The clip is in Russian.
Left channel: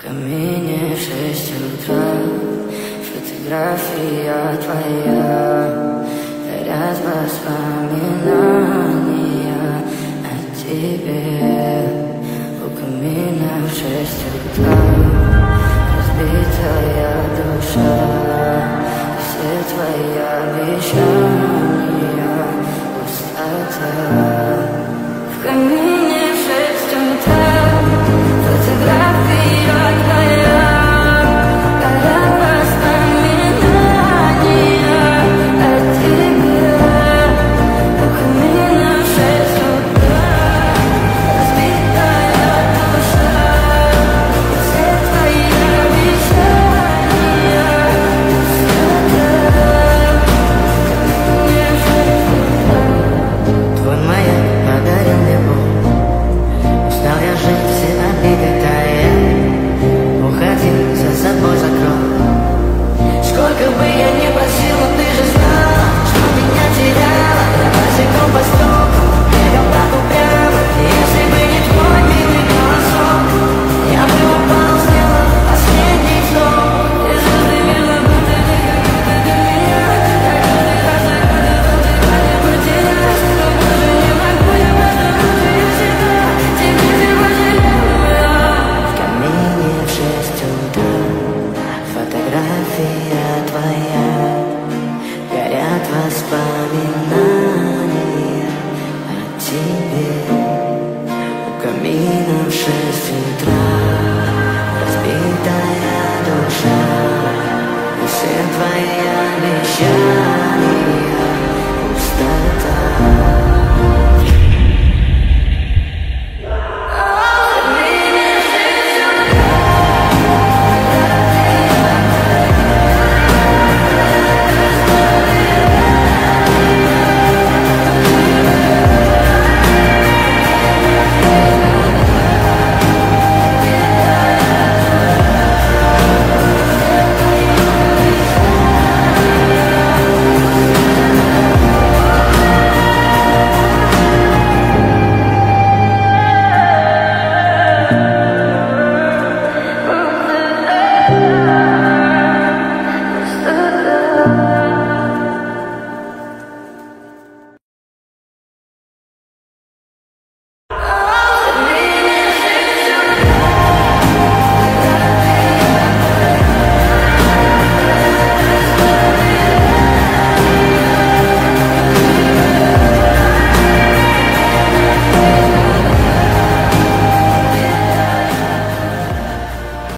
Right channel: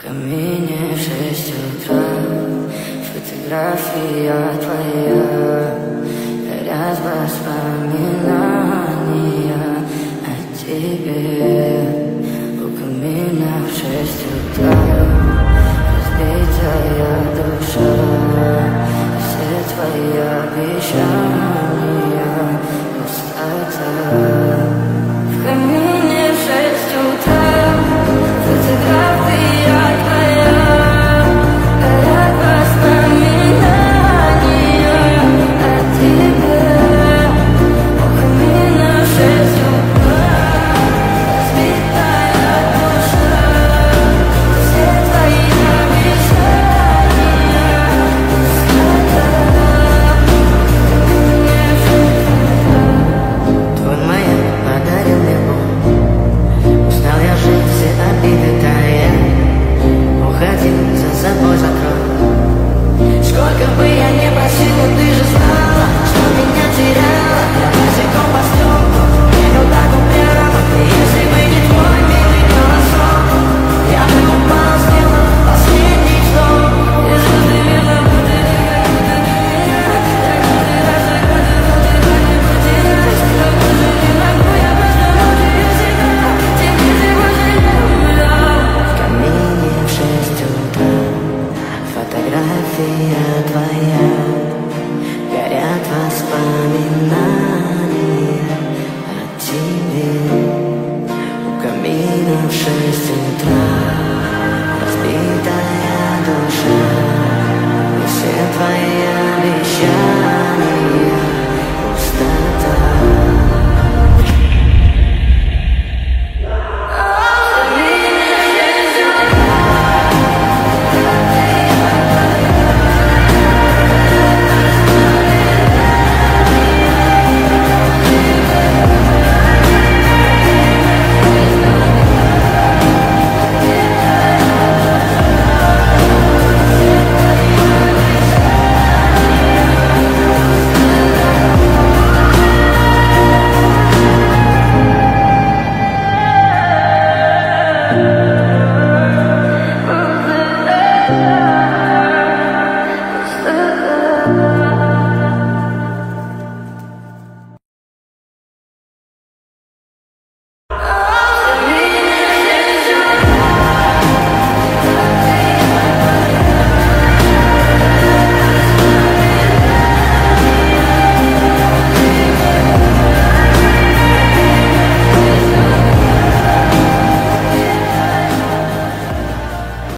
В камине в 6 утра, фотография твоя, горят воспоминания о тебе. У камина в 6 утра, разбитая душа, и все твои обещания пустота. В камине в 6 утра, фотография твоя, горят воспоминания о тебе. У камина в 6 утра, разбитая душа, все твои обещания пустота. В камине в 6 утра. Твой маяк подарил мне боль. Устал я жить, все обиды тая. Уходи, за собой закрой. Сколько бы я не просил, но ты же знала, что меня теряла. Я босиком по стеклам бегал так упрямо. И если бы не твой милый голосок, я бы упал, сделал последний вздох. И звезды мирно будто как будто ты меня. Так каждый раз загадывал, тебя не потерять. Но больше не могу, я просто мучаю себя. Тебе жалею. В камине в 6 утра, фотография твоя, горят воспоминания о тебе. У камина в 6 утра, разбитая душа, и все твои обещания